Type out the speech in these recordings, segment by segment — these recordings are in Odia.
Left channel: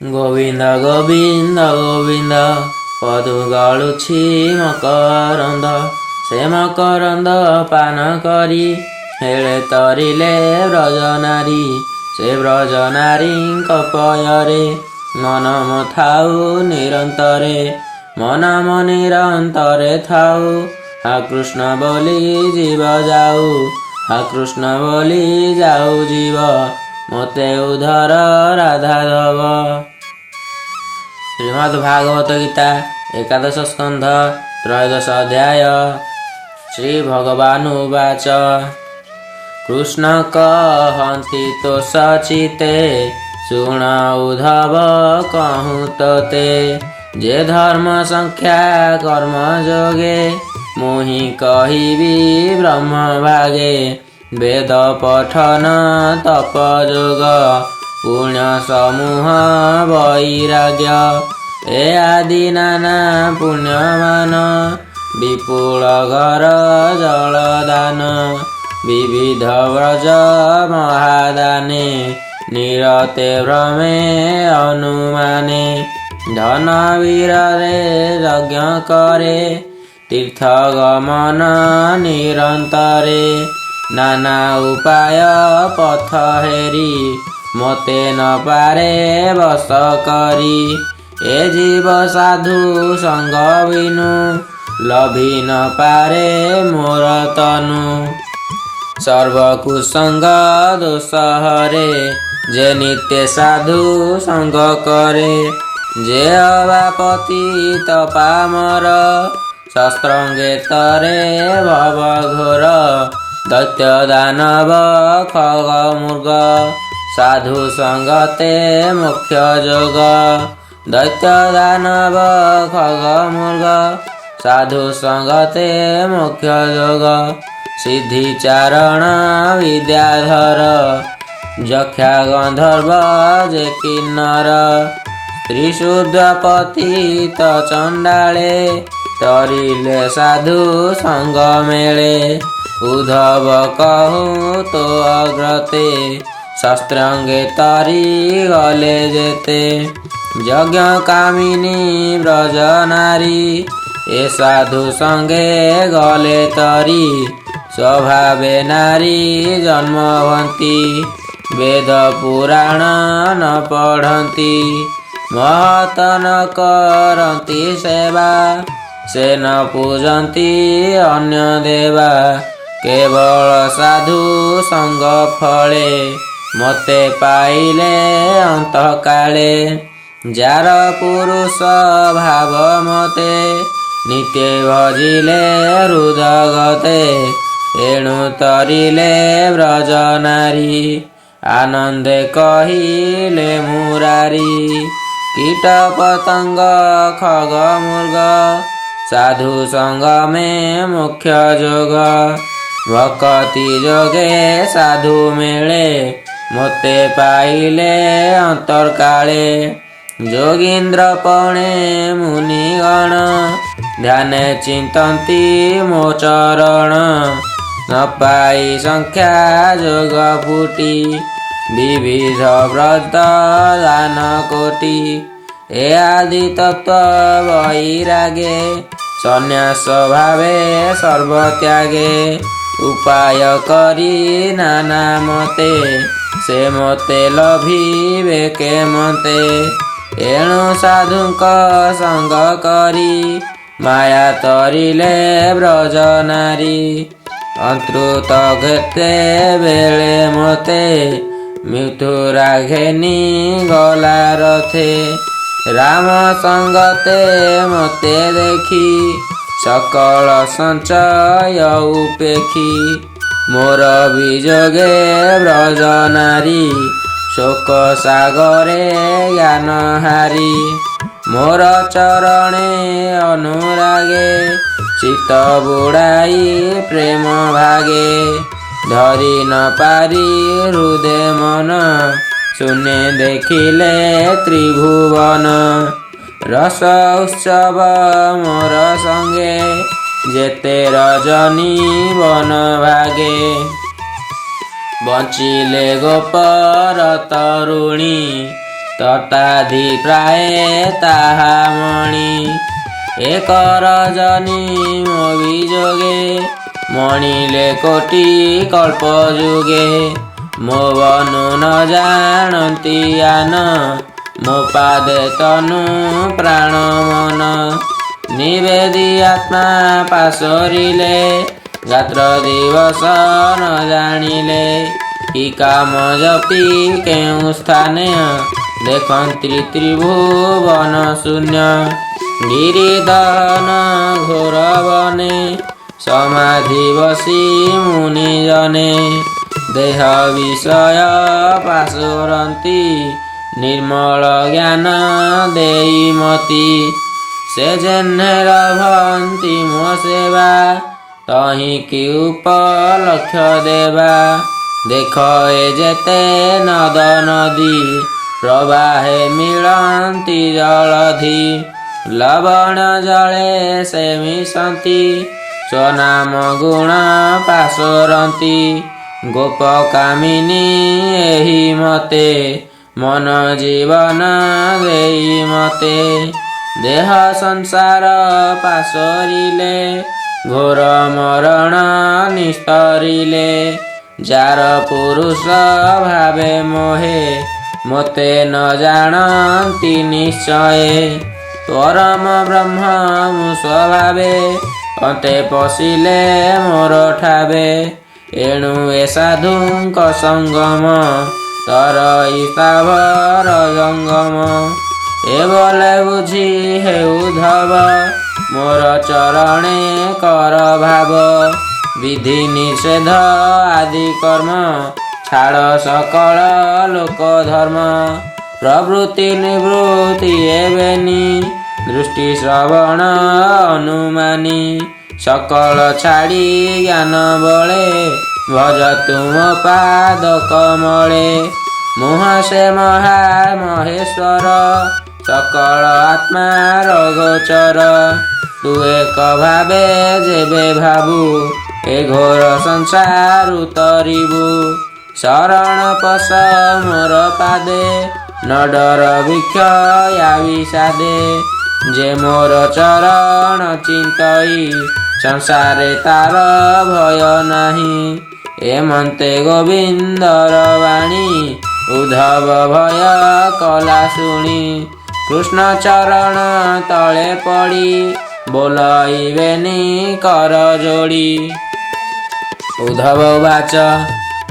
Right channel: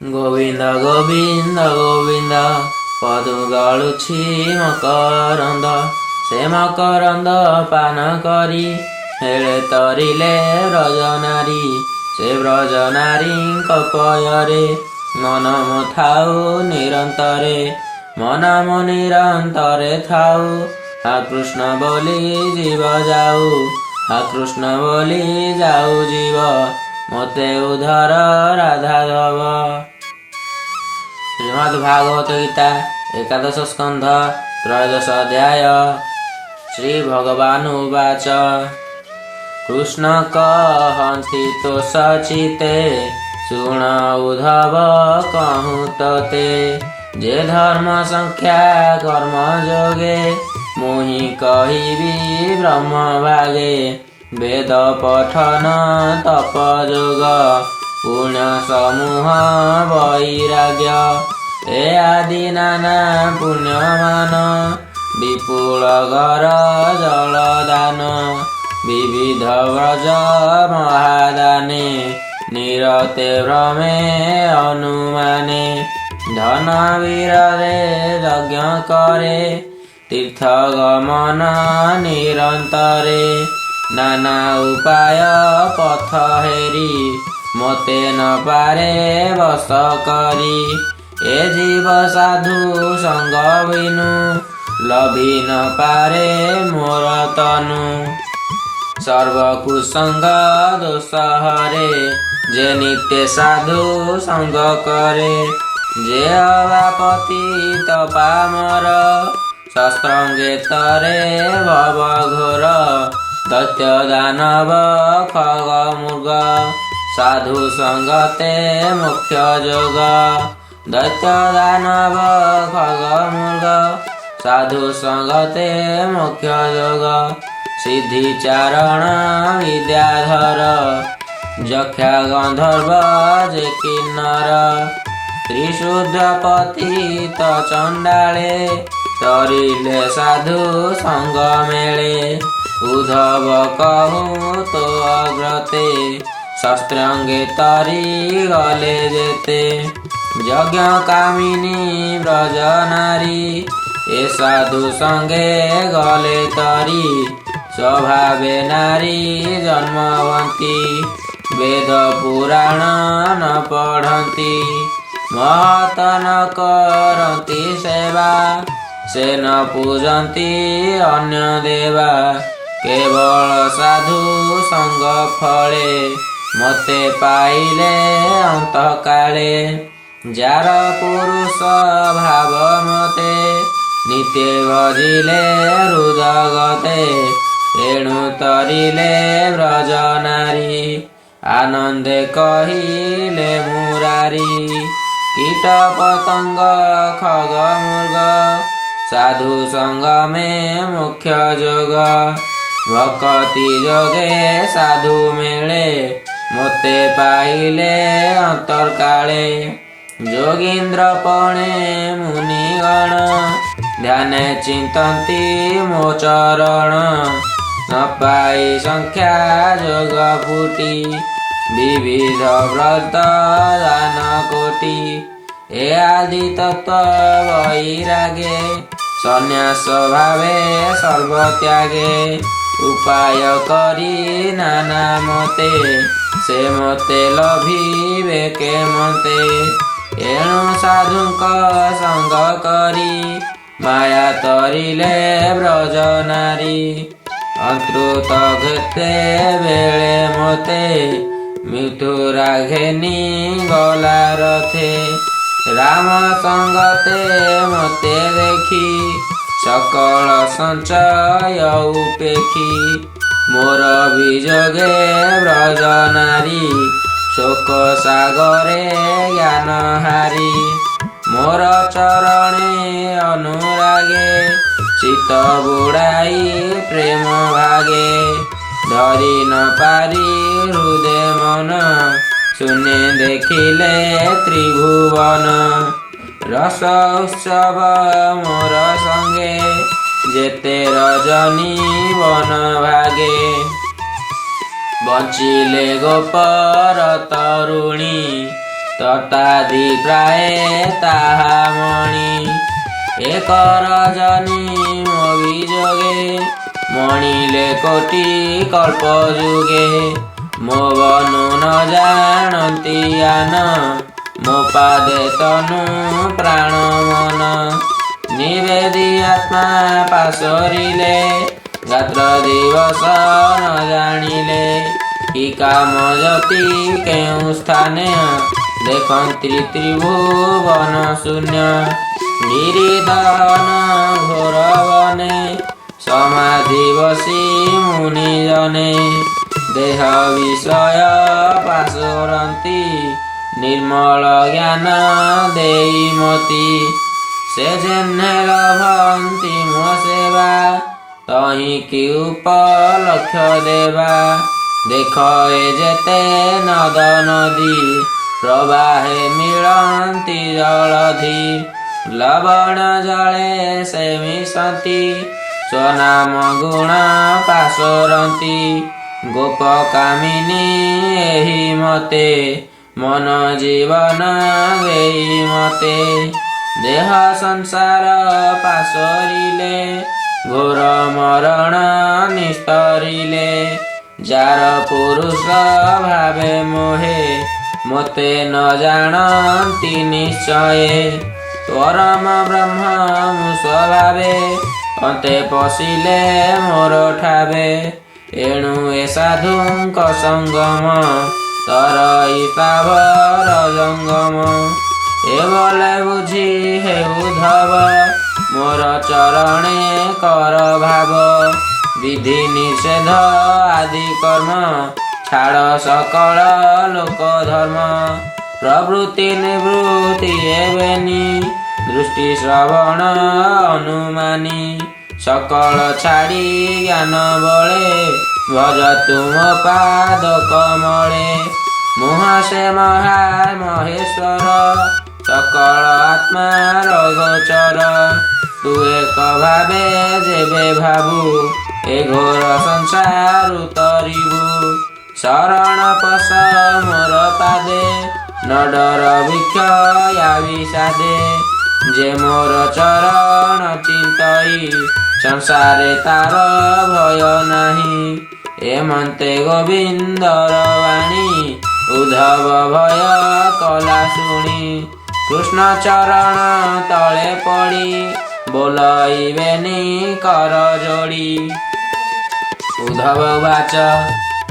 ଗୋବିନ୍ଦ ଗୋବିନ୍ଦ ଗୋବିନ୍ଦ ପଦୁ ଗଳୁଛି ମକରନ୍ଦ। ସେ ମକରନ୍ଦ ପାନ କରି ହେଳେ ତରିଲେ ବ୍ରଜନାରୀ। ସେ ବ୍ରଜନାରୀଙ୍କ ପୟରେ ମନମ ଥାଉ ନିରନ୍ତରେ। ମନମ ନିରନ୍ତରେ ଥାଉ ହା କୃଷ୍ଣ ବୋଲି ଯିବ ଯାଉ। ହା କୃଷ୍ଣ ବୋଲି ଯାଉ ଯିବ ମୋତେ ଉଦ୍ଧାର ରାଧା ଦବ। ଶ୍ରୀମଦ୍ ଭାଗବତ ଗୀତା ଏକାଦଶ ସ୍କନ୍ଧ ତ୍ରୟୋଦଶ ଅଧ୍ୟାୟ। ଶ୍ରୀ ଭଗବାନ ଉବାଚ କୃଷ୍ଣ କହନ୍ତି ତୋଷ ଚିତେ ଶୁଣ ଉଦ୍ଧବ କହୁଁ ତୋତେ। ଯେ ଧର୍ମ ସଂଖ୍ୟା କର୍ମ ଯୋଗେ ମୁହିଁ କହିବି ବ୍ରହ୍ମ ଭାଗେ। ବେଦ ପଠନ ତପ ଯୋଗ ପୁଣ୍ୟ ସମୂହ ବୈରାଗ୍ୟ। ଏ ଆଦି ନାନା ପୁଣ୍ୟମାନ ବିପୁଳ ଘର ଜଳଦାନ। ବିବିଧ ବ୍ରଜ ମହାଦାନେ ନିରତେ ଭ୍ରମେ ଅନୁମାନେ। ଧନ ବୀରରେ ଯଜ୍ଞ କରେ ତୀର୍ଥ ଗମନ ନିରନ୍ତରେ। ନାନା ଉପାୟ ପଥ ହେରି ମୋତେ ନ ପାରେ ବଶ କରି। ଏ ଜୀବ ସାଧୁ ସଙ୍ଗ ବିନୁ ଲଭି ନ ପାରେ ମୋର ତନୁ। ସର୍ବ କୁସଙ୍ଗ ଦୋଷ ହରେ ଯେ ନିତ୍ୟ ସାଧୁ ସଙ୍ଗ କରେ। ଯେ ହବା ପତିତ ପାମର ଶସ୍ତ୍ରଙ୍ଗେତରେ ଭବ ଘୋର। ଦୈତ୍ୟ ଦାନବ ଖଗ ମୃଗ ସାଧୁ ସଙ୍ଗତେ ମୁଖ୍ୟ ଯୋଗ। ଦୈତ୍ୟ ଦାନବ ଖଗ ମୃଗ ସାଧୁ ସଙ୍ଗତେ ମୁଖ୍ୟ ଯୋଗ। ସିଦ୍ଧି ଚାରଣ ବିଦ୍ୟାଧର ଯକ୍ଷା ଗନ୍ଧର୍ବ ଯେ କିନ୍ନର। ତ୍ରିଶୂଦ୍ର ପତିତ ଚଣ୍ଡାଳେ ତରିଲେ ସାଧୁ ସଙ୍ଗ ମେଳେ। ଉଦ୍ଧବ କହୁଁ ତୋ ଅଗ୍ରତେ ଶସ୍ତ୍ରାଙ୍ଗେ ତରି ଗଲେ ଯେତେ। ଯଜ୍ଞ କାମିନୀ ବ୍ରଜ ନାରୀ ଏ ସାଧୁ ସଙ୍ଗେ ଗଲେ ତରି। ସ୍ୱଭାବେ ନାରୀ ଜନ୍ମବନ୍ତି ବେଦ ପୁରାଣ ନ ପଢ଼ନ୍ତି। ମହତ ନ କରନ୍ତି ସେବା ସେ ନ ପୂଜନ୍ତି ଅନ୍ୟ ଦେବା। କେବଳ ସାଧୁ ସଙ୍ଗ ଫଳେ ମୋତେ ପାଇଲେ ଅନ୍ତକାଳେ। ଯାର ପୁରୁଷ ଭାବ ମୋତେ ନିତ୍ୟ ଭଜିଲେ ହୃଦଗତେ। ଏଣୁ ତରିଲେ ବ୍ରଜ ନାରୀ ଆନନ୍ଦେ କହିଲେ ମୁରାରୀ। କୀଟ ପତଙ୍ଗ ଖଗ ମୃଗ ସାଧୁ ସଙ୍ଗମେ ମୁଖ୍ୟ ଯୋଗ। ଭକତି ଯୋଗେ ସାଧୁ ମିଳେ ମୋତେ ପାଇଲେ ଅନ୍ତର୍କାଳେ। ଯୋଗୀନ୍ଦ୍ର ପଣେ ମୁନିଗଣ ଧ୍ୟାନେ ଚିନ୍ତନ୍ତି ମୋ ଚରଣ। ନ ପାଇ ସଂଖ୍ୟା ଯୋଗ ଫୁଟି ବିବିଧ ବ୍ରତ ଦାନ କୋଟି। ଏ ଆଦି ତତ୍ତ୍ୱ ବୈରାଗେ ସନ୍ନ୍ୟାସ ଭାବେ ସର୍ବତ୍ୟାଗେ। ଉପାୟ କରି ନାନା ମତେ ସେ ମୋତେ ଲଭିବେ କେମତେ। ଏଣୁ ସାଧୁଙ୍କ ସଙ୍ଗ କରି ମାୟା ତରିଲେ ବ୍ରଜ ନାରୀ। ଅନ୍ତୃତ ଘେତେ ବେଳେ ମୋତେ ମିଥୁରା ଘେନି ଗଲା ରଥେ। ରାମ ସଙ୍ଗତେ ମୋତେ ଦେଖି ସକଳ ସଞ୍ଚୟ ଉପେକ୍ଷି। ମୋର ବିଯୋଗେ ବ୍ରଜ ନାରୀ ଶୋକ ସାଗରେ ଜ୍ଞାନ ହାରି। ମୋର ଚରଣେ ଅନୁରାଗେ ଚିତ ବୁଡ଼ାଇ ପ୍ରେମ ଭାଗେ। ଧରି ନ ପାରି ହୃଦେ ମନ ଶୂନ୍ୟ ଦେଖିଲେ ତ୍ରିଭୁବନ। ରସ ଉତ୍ସବ ମୋର ସଙ୍ଗେ ଯେତେ ରଜନୀ ବନ ଭାଗେ। ବଞ୍ଚିଲେ ଗୋପର ତରୁଣୀ ତତାଧିପ୍ରାୟେ ତାହା ମଣି। ଏକର ଜନି ମୋ ବିଯୋଗେ ମଣିଲେ କୋଟି କଳ୍ପ ଯୁଗେ। ମୋ ବନୁ ନ ଜାଣନ୍ତି ଜ୍ଞାନ ମୋ ପାଦେ ତନୁ ପ୍ରାଣ ମନ। ନିବେଦି ଆତ୍ମା ପାଶୋରିଲେ ରାତ୍ର ଦିବସ ନ ଜାଣିଲେ। କି କାମ ଜପି କେଉଁ ସ୍ଥାନେ ଦେଖନ୍ତି ତ୍ରିଭୁବନ ଶୂନ୍ୟ। ଗିରିଦହନ ଘୋର ବନେ ସମାଧି ବସି ମୁନି ଜନେ। ଦେହ ବିଷୟ ପାଶୋରନ୍ତି ନିର୍ମଳ ଜ୍ଞାନ ଦେଇ ମତି। ସେ ଯେହ୍ନେ ଲଭନ୍ତି ମୋ ସେବା ତହିଁ କି ଉପଲକ୍ଷ ଦେବା। ଦେଖ ଏ ଯେତେ ନଦ ନଦୀ ପ୍ରବାହେ ମିଳନ୍ତି ଜଳଧି। ଲବଣ ଜଳେ ସେ ମିଶନ୍ତି ସ୍ୱନାମ ଗୁଣ ପାଶୋରନ୍ତି। ଗୋପ କାମିନୀ ଏହି ମତେ ମନ ଜୀବନ ଦେଇ ମତେ। ଦେହ ସଂସାର ପାଶୋରିଲେ ଘୋର ମରଣ ନିସ୍ତରିଲେ। ଯାର ପୁରୁଷ ଭାବେ ମୋହେ ମୋତେ ନ ଜାଣନ୍ତି ନିଶ୍ଚୟେ। ପରମ ବ୍ରହ୍ମ ମୁଁ ସ୍ୱଭାବେ ଅନ୍ତେ ପଶିଲେ ମୋର ଠାବେ। ଏଣୁ ଏ ସାଧୁଙ୍କ ସଙ୍ଗମ ତରଇ ସ୍ଥାବର ଜଙ୍ଗମ। ଏଭଳେ ବୁଝି ହେ ଉଦ୍ଧବ ମୋର ଚରଣେ କର ଭାବ। ବିଧି ନିଷେଧ ଆଦି କର୍ମ ଛାଡ଼ ସକଳ ଲୋକ ଧର୍ମ। ପ୍ରବୃତ୍ତି ନିବୃତ୍ତି ହେବେନି ଦୃଷ୍ଟି ଶ୍ରବଣ ଅନୁମାନି। ସକଳ ଛାଡ଼ି ଜ୍ଞାନ ବଳେ ଭଜ ତୁମ ପାଦ କମଳେ। ମୁହଁ ସେ ମହା ମହେଶ୍ୱର ସକଳ ଆତ୍ମାର ଗୋଚର। ତୁ ଏକ ଭାବେ ଯେବେ ଭାବୁ ଏ ଘୋର ସଂସାରୁ ତରିବୁ। ଶରଣ ପଶ ମୋର ପାଦେ ନ ଡର ଭିକ୍ଷ ବିଷାଦେ। ଯେ ମୋର ଚରଣ ଚିନ୍ତଇ ସଂସାରେ ତାର ଭୟ ନାହିଁ। ଏମନ୍ତେ ଗୋବିନ୍ଦର ବାଣୀ ଉଦ୍ଧବ ଭୟ କଲା ଶୁଣି। କୃଷ୍ଣ ଚରଣ ତଳେ ପଡ଼ି ବୋଲାଇବେନି କର ଯୋଡ଼ି। ଉଦ୍ଧବ ବାଚ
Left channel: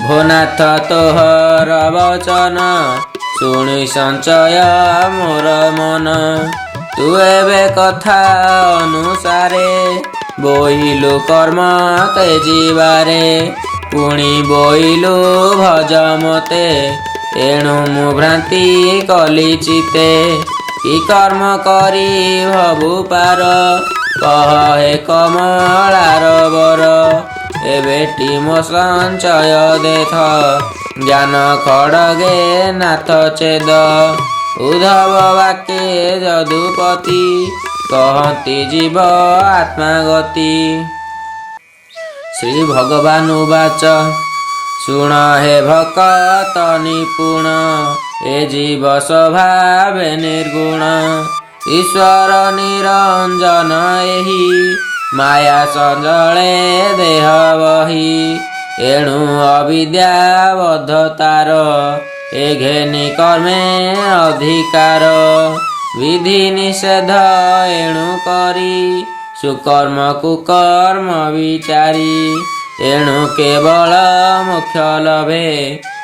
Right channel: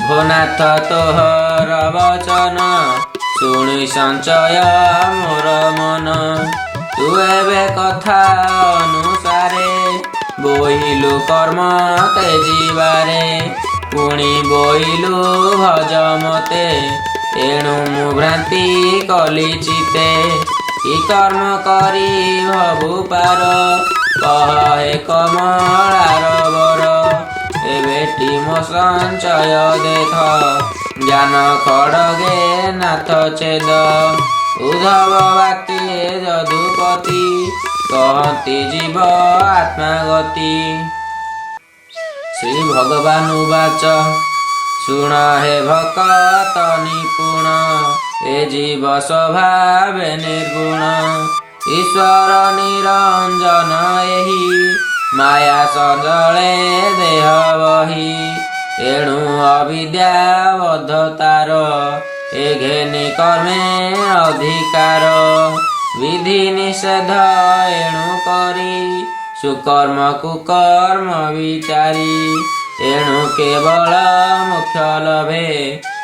ଭୋନାଥ ତୋହର ବଚନ ଶୁଣି ସଞ୍ଚୟ ମୋର ମନ। ତୁ ଏବେ କଥା ଅନୁସାରେ ବୋଇଲୁ କର୍ମ ତେଜିବାରେ। ପୁଣି ବୋଇଲୁ ଭଜ ମତେ ଏଣୁ ମୁଁ ଭ୍ରାନ୍ତି କଲି ଚିତେ। କି କର୍ମ କରି ଭବୁ ପାର କହ ହେ କମଳାର ବର। ଏବେଟି ମୋ ସଞ୍ଚୟ ଦେଥ ଜ୍ଞାନ ଖଡ଼ଗେ ନାଥ ଛେଦ। ଉଦ୍ଧବ ବାକ୍ୟେ ଯଦୁପତି କହନ୍ତି ଜୀବ ଆତ୍ମାଗତି। ଶ୍ରୀ ଭଗବାନ ଉବାଚ ଶୁଣ ହେ ଭକତ ନିପୁଣ ଏ ଜୀବ ସ୍ୱଭାବେ ନିର୍ଗୁଣ। ଈଶ୍ୱର ନିରଞ୍ଜନ ଏହି ମାୟା ସଜଳେ ଦେହ ବହି। ଏଣୁ ଅବିଦ୍ୟା ବଦ୍ଧତାର ଏ ଘେନି କର୍ମେ ଅଧିକାର। ବିଧି ନିଷେଧ ଏଣୁ କରି ସୁକର୍ମ କୁକର୍ମ ବିଚାରି। ଏଣୁ କେବଳ ମୋକ୍ଷ ଲଭେ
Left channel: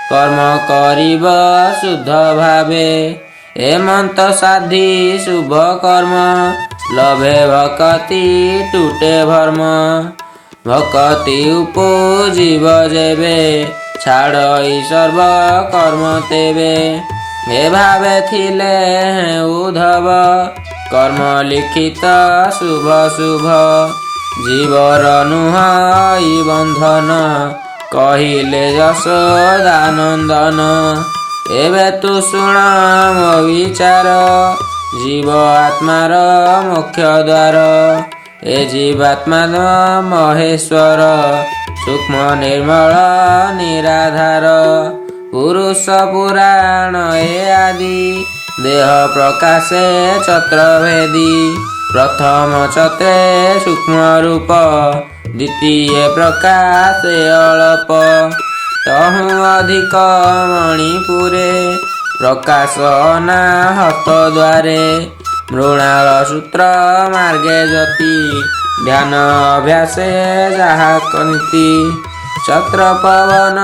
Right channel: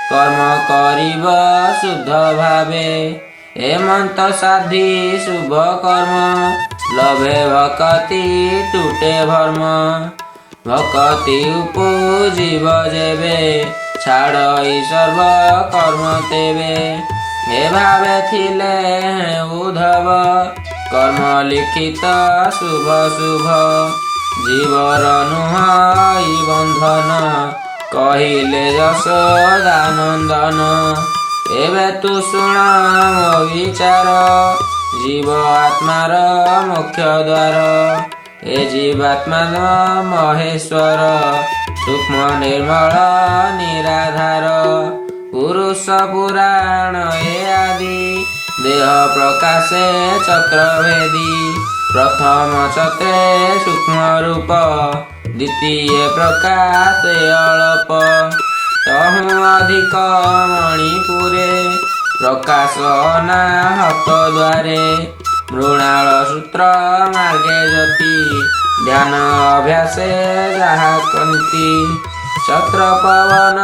କର୍ମ କରିବ ଶୁଦ୍ଧ ଭାବେ। ଏମନ୍ତ ସାଧି ଶୁଭ କର୍ମ ଲଭେ ଭକତି ଟୁଟେ ଭର୍ମ। ଭକତି ଉପଜିବ ଯେବେ ଛାଡ଼ଇ ସର୍ବ କର୍ମ ତେବେ। ଏ ଭାବେ ଥିଲେ ଉଦ୍ଧବ କର୍ମ ଲିଖିତ ଶୁଭ ଶୁଭ। ଜୀବର ନୁହଁ ବନ୍ଧନ କହିଲେ ଯଶୋଦାନନ୍ଦନ। ଏବେ ତୁ ଶୁଣ ମୋ ବିଚାର ଜୀବ ଆତ୍ମାର ମୋକ୍ଷ ଦ୍ୱାର। ଏ ଜୀବାତ୍ମା ମହେଶ୍ୱର ସୂକ୍ଷ୍ମ ନିର୍ମଳ ନିରାଧାର। ପୁରୁଷ ପୁରାଣ ଏ ଆଦି देह प्रकाशे चत्रभेदी प्रथम चत्रे सूक्ष्म रूप द्वितीय प्रकाशे अल्प तहु अधिक मणिपुरे प्रकाश अनाहत द्वारे मृणाल सूत्र मार्गे ज्योति ध्यान अभ्यासे जाहा कंती छत्र पवन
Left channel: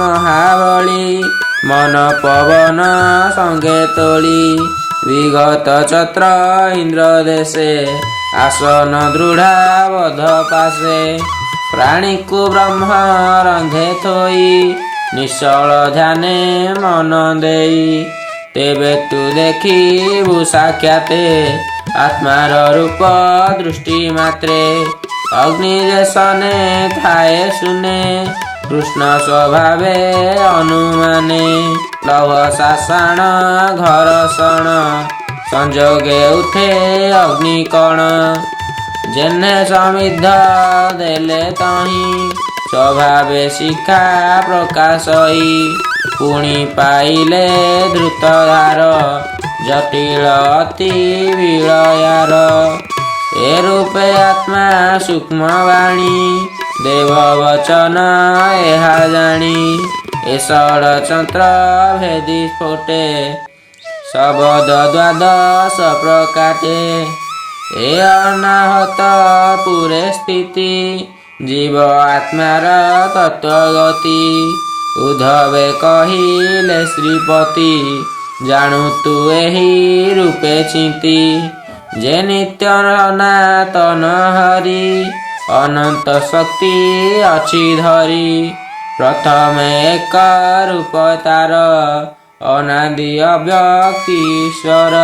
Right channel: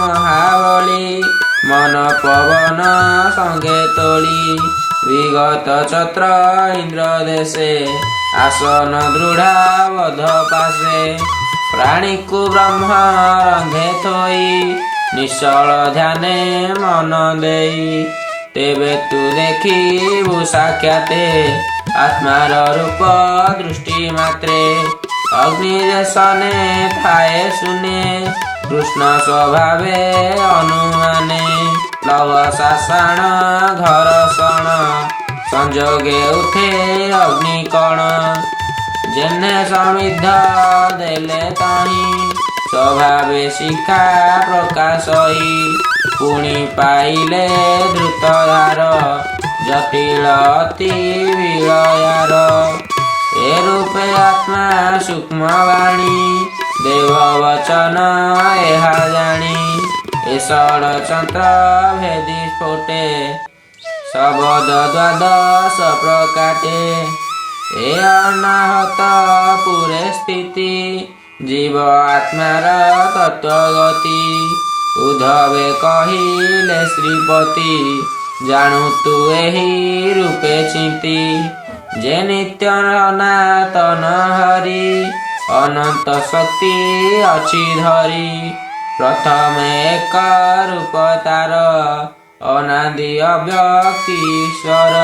महाबली मन पवन संगे तोली विगत छत्र इंद्र देशे आसन दृढ़ा बध पासे प्राणी को ब्रह्म रंधे थोई निश्चल ध्याने मन देई तेबे तू देखिबु साक्षाते आत्मार रूप दृष्टि मात्रे अग्नि जेसने थाए सुने कृष्ण स्वभावे अनुमाने लव शासन घरषण संजोगे उठे अग्निकण जेने समिद्ध देले तही स्वभावे शिखा प्रकाशई पुणी पाइले द्रुतधार जटिल अति विलयार ए रूपे आत्मा सूक्ष्म वाणी देव वचन एहा जानी ए षडचंत्र भेदी स्फोटे शबद द्वादश प्रकाटे ए अनाहत पुरे स्थिति जीव आत्मार तत्वगति उद्धवे कहिले श्रीपति जानू तू एही रूपे चिंती जे नित्य सनातन हरि अनंत शक्ति अछि धरी प्रथमे एक रूप तार अनादि अव्यक्ति ईश्वर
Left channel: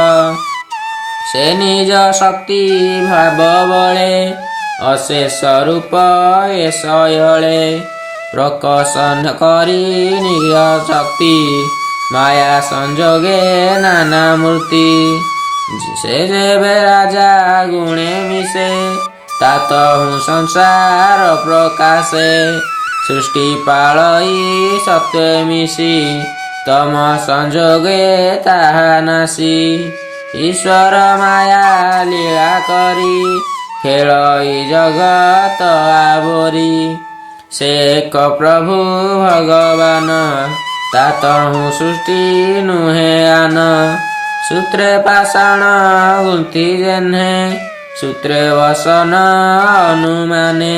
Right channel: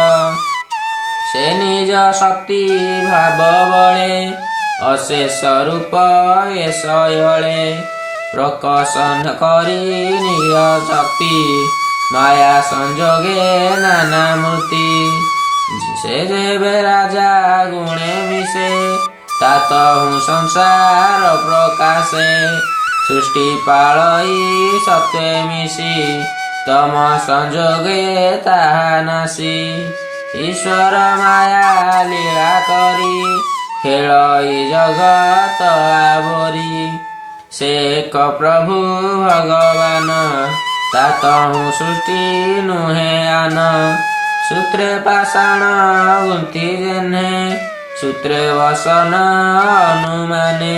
से निज शक्ति भाव बळे अशेष रूप एशयळे प्रकशन करी निज शक्ति माया संजोगे नाना मूर्ति से जेबे राजा गुणे मिसे तातहु संसार प्रकाशे सृष्टि पालई सत्वे मिशी तम संजोगे ताहा नासी ईश्वर माया लीला करी खेलई जगत आवरी से एक प्रभु भगवान तातहु सृष्टि नुहे आन सूत्रे पाषाण गुंथि जेह्ने सूत्रे वसन अनुमाने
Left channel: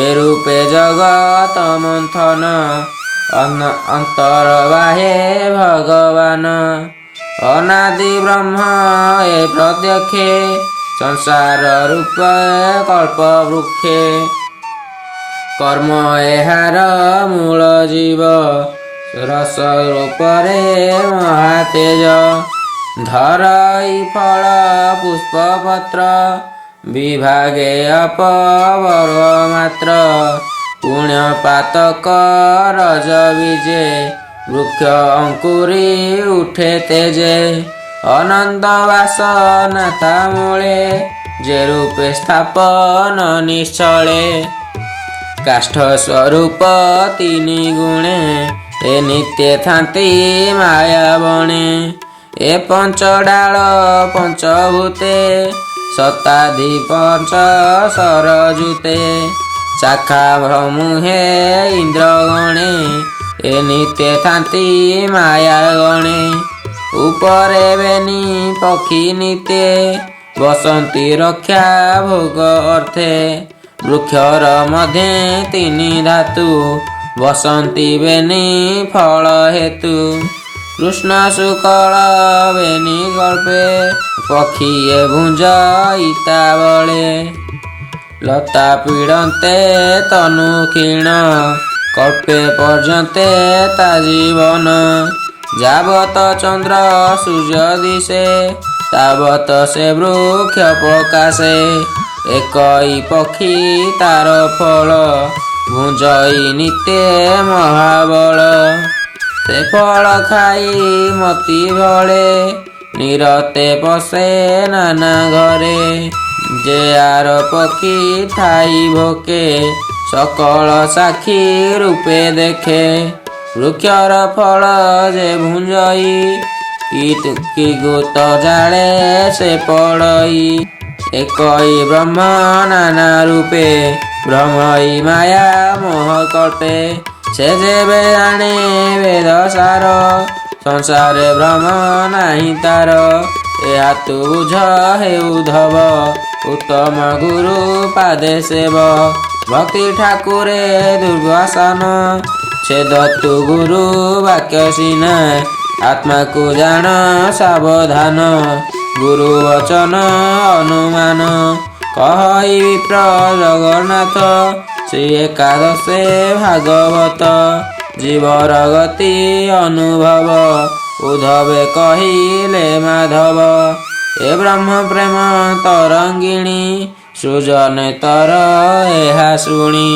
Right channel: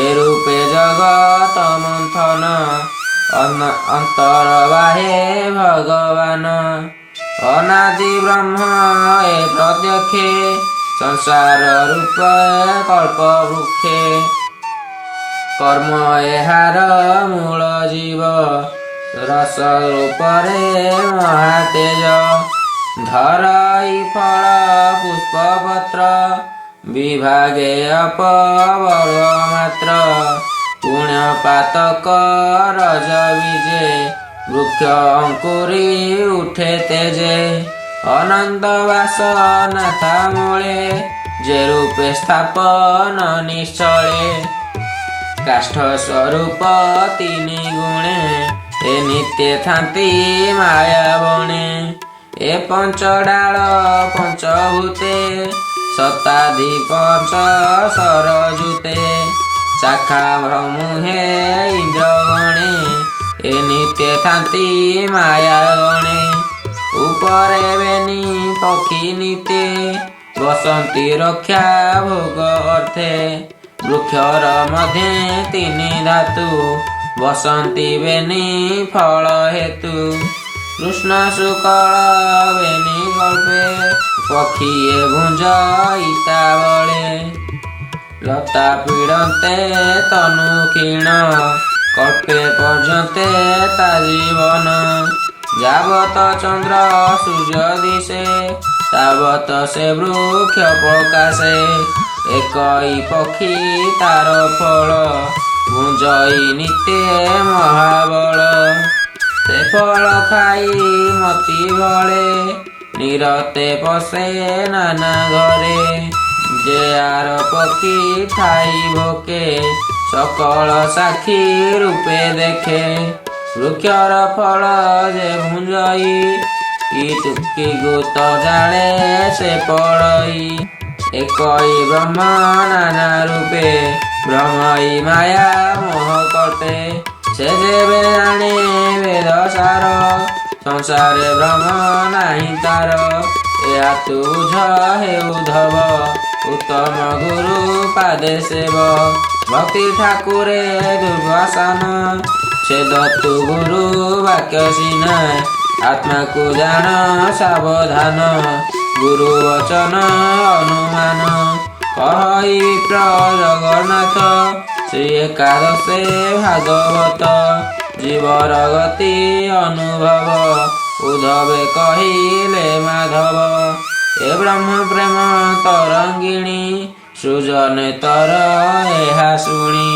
ए रूपे जगत मंथन अंतर बाहे भगवान अनादि ब्रह्म ए प्रत्यक्षे संसार रूप कल्प वृक्षे कर्म एहार मूल जीव रस रूपरे महातेज धरई फल पुष्प पत्र विभागे अपवर्ग मात्र पुण्य पातक रज बीजे वृक्ष अंकुरी उठे तेजे अनंत वास नाथा मूले जे रूपे स्थापन निश्चले काष्ठ स्वरूप तीनि गुणे ए नित्य थांती माया बणे ए पंचडाल पंचभूते शताधि पंच सरजुते शाखा मुहे इंद्र गणे ए नित्य थांती माया गणे उपरे बेनी पक्षी नित्य बसंती रक्षा भोग अर्थे वृक्षर मध्य तीनि धातु बसंती बेनी फल हेतु कृष्ण शुक्ल बेनी गल्पे पक्षीए भुंज इता बळे लता पीड़न्ते तनु क्षीण कल्पे पर्यन्ते ता जीवन जावत चंद्र सूर्य दिशे तावत से वृक्ष प्रकाशे एकई पक्षी तार फल भुंजई नित्य महाबल से फल खाई मती भळे निरते पशे नाना घरे जे आर पक्षी ठाई भोके सकल साक्षी रूपे देखे वृक्षर फल जे भुंजई कि गुत जाने से पढ़ई एकई ब्रह्म नाना रूपे ब्रह्मई माया मोह कटे से जेबे जाने वेद सार संसारे ब्रह्म नाही तार या तू बुझ हे उद्धव उत्तम गुरु पादे सेव भक्ति ठाकुरे दुर्वासन छेद तु गुरु वाक्य सिना आत्मा को जान सावधान गुरु वचन अनुमान कहि विप्र जगन्नाथ श्री एकादशे भागवत जीवर गति अनुभव उद्धवे कहिले माधव ए ब्रह्म प्रेम तरंगिणी सृजन तर एहा शुणी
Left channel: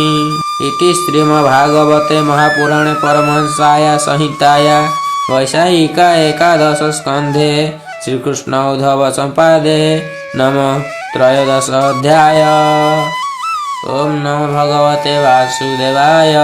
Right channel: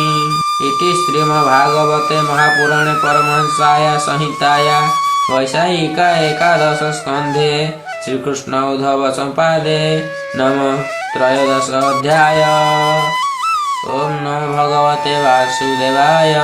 इति श्रीमद्भागवते महापुराणे परमहंसाया संहिताया वैशाखिका एकादश स्कंधे श्रीकृष्ण उद्धव संपादे नमः त्रयोदश अध्याय। ओम नमो भगवते वासुदेवाय।